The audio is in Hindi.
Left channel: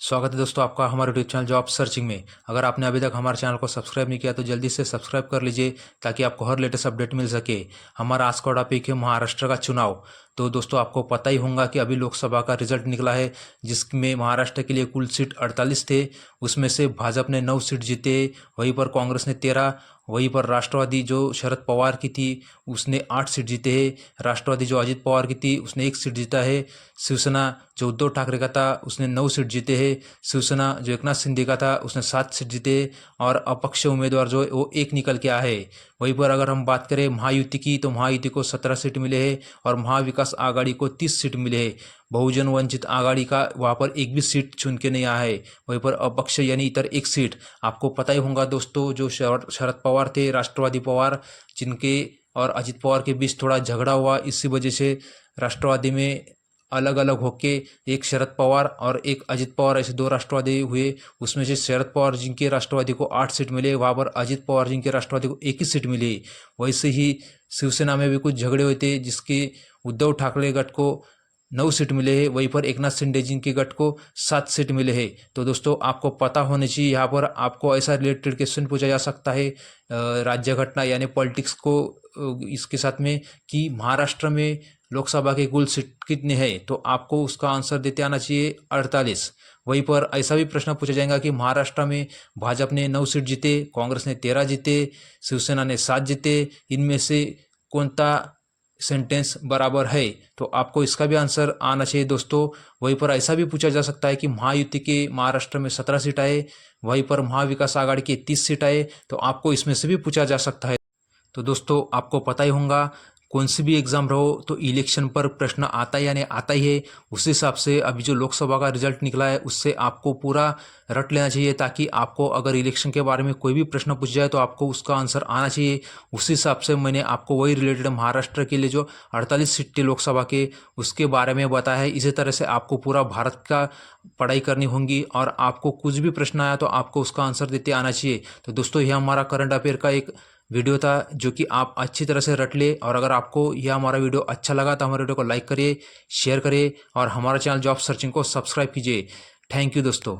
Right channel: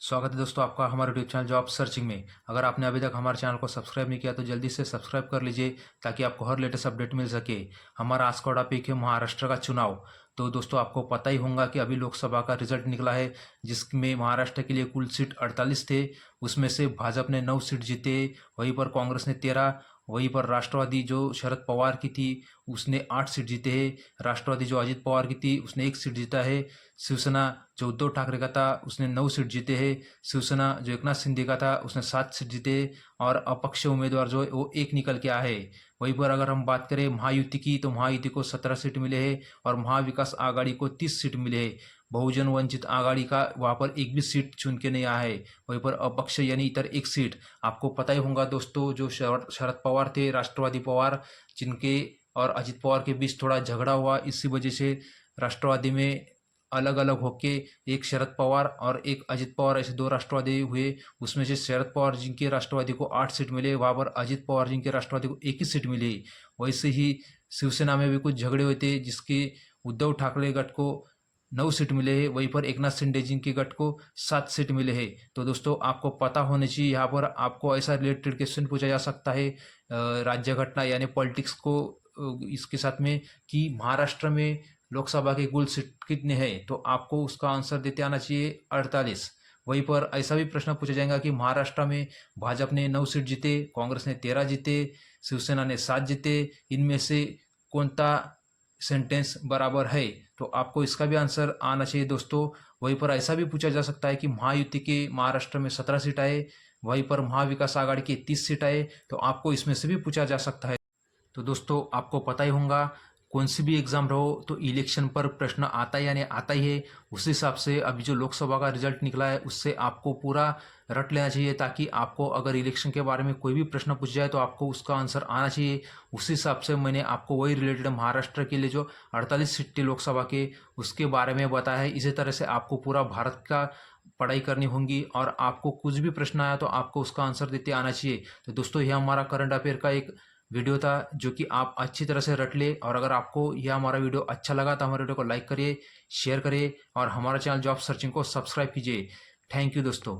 स्वागत है दोस्तों आपका हमारे यूट्यूब चैनल जॉब सर्चिंग में। अगर आपने अभी तक हमारे चैनल को सब्सक्राइब नहीं किया तो जल्दी से सब्सक्राइब कर लीजिए ताकि आपको हर लेटेस्ट अपडेट मिल सके। हमारा आज का टॉपिक है महाराष्ट्र का चुनाव। तो दोस्तों आपको पता ही होगा कि अभी लोकसभा का रिजल्ट निकला है, जिसमें महाराष्ट्र के लिए कुल सीट 48 थे। उसमें से भाजपा ने 9 सीट जीते, वहीं पर कांग्रेस ने 13, वहीं पर राष्ट्रवादी जो शरद पवार की थी उसने 8 सीट जीते हैं। राष्ट्रवादी जो अजित पवार की थी उसने 1 सीट जीता है। शिवसेना जो उद्धव ठाकरे का था उसने 9 सीट जीते हैं। शिवसेना जो एकनाथ शिंदे का था उसने 7 सीट जीते, और अपक्ष उम्मीदवार जो है वो 1 निकल के आए। वहीं पर अगर हम बात करें महायुति की, तो महायुति को 17 सीट मिले हैं और महाविकास आघाड़ी को 30 सीट मिले हैं। बहुजन वंचित आघाड़ी का वहाँ पर एक भी सीट चुन के नहीं आया है। वहीं पर अपक्ष यानी इतर 1 सीट। आपको पता ही होगा दोस्तों, जो शरद पवार थे, राष्ट्रवादी पवार, जिनके और अजित पवार के बीच थोड़ा झगड़ा हुआ, इसी वजह से राष्ट्रवादी में अलग अलग होके एक शरद पवार और एक अजित पवार ऐसे 2 राष्ट्रवादी हुए। उसमें से शरद पवार जिनके राष्ट्रवादी को 8 सीट मिले, वहाँ पर अजित पवार जिनके राष्ट्रवादी को 1 ही सीट मिली। वैसे ही शिवसेना में भी कुछ झगड़े हुए थे, जिसके उद्धव ठाकरे गठ को 9 सीट मिले हैं, वहीं पर एकनाथ शिंदे जी के गठ को 7 सीट मिले हैं। तो दोस्तों आपको पता होना चाहिए, यहाँ पर आपको ऐसा रिलेटेड क्वेश्चन पूछा जा सकता है राज्य घटना यानी पॉलिटिक्स को इसके साथ में, कि महाराष्ट्र में लोकसभा के कुल सीट कितने हैं, तो आपको उसका आंसर देते आना चाहिए 48। वहीं पर ऐसा भी प्रश्न पूछा जाएगा कि महाराष्ट्र में भाजपा ने 9 सीट जीते, कांग्रेस ने 13 जीते, शिवसेना ने 7 जीते, इनमें से कौनता सेंटेंस बराबर है, तो आपको इसका भी आंसर आना चाहिए दोस्तों। वहीं पर ऐसा भी पूछा जा सकता है कि महायुति के महाराष्ट्र में 17 सीट आए, वहीं पर महाविकास आघाड़ी के 30 सीट आए, तो आपको इसमें से भी पूछा जा सकता है। तो दोस्तों आपको पता ही होगा, कौन सी भी एग्ज़ाम रहो तो इलेक्शन पर प्रश्न आता ही यानी आता ही है। उस हिसाब से अभी जो लोकसभा का रिजल्ट निकला है उससे आपको पूरा रट लेना चाहिए, ताकि आपको अगर इलेक्शन के बारे में कोई भी प्रश्न पूछ जाए तो आपको उसका आंसर आना चाहिए। उस हिसाब से मैंने आपको वही रिलेटेड महाराष्ट्र के लिए जो 48 सीटें लोकसभा के उसके बारे में बताया है। इसी तरह से आपको पूरा भारत का पढ़ाई करनी होगी, और आपको कुछ भी प्रश्न आया तो आपको उसका आंसर देते आना चाहिए। तो दोस्तों यह हमारा करंट अफेयर का एक वीडियो था जो कि आप अच्छी तरह से रट ले। और अगर आपको यह हमारा वीडियो अच्छा लगा तो हमारे वीडियो को लाइक करिए, शेयर करिए और हमारा चैनल जॉब सर्चिंग को सब्सक्राइब कीजिए। थैंक यू दोस्तों।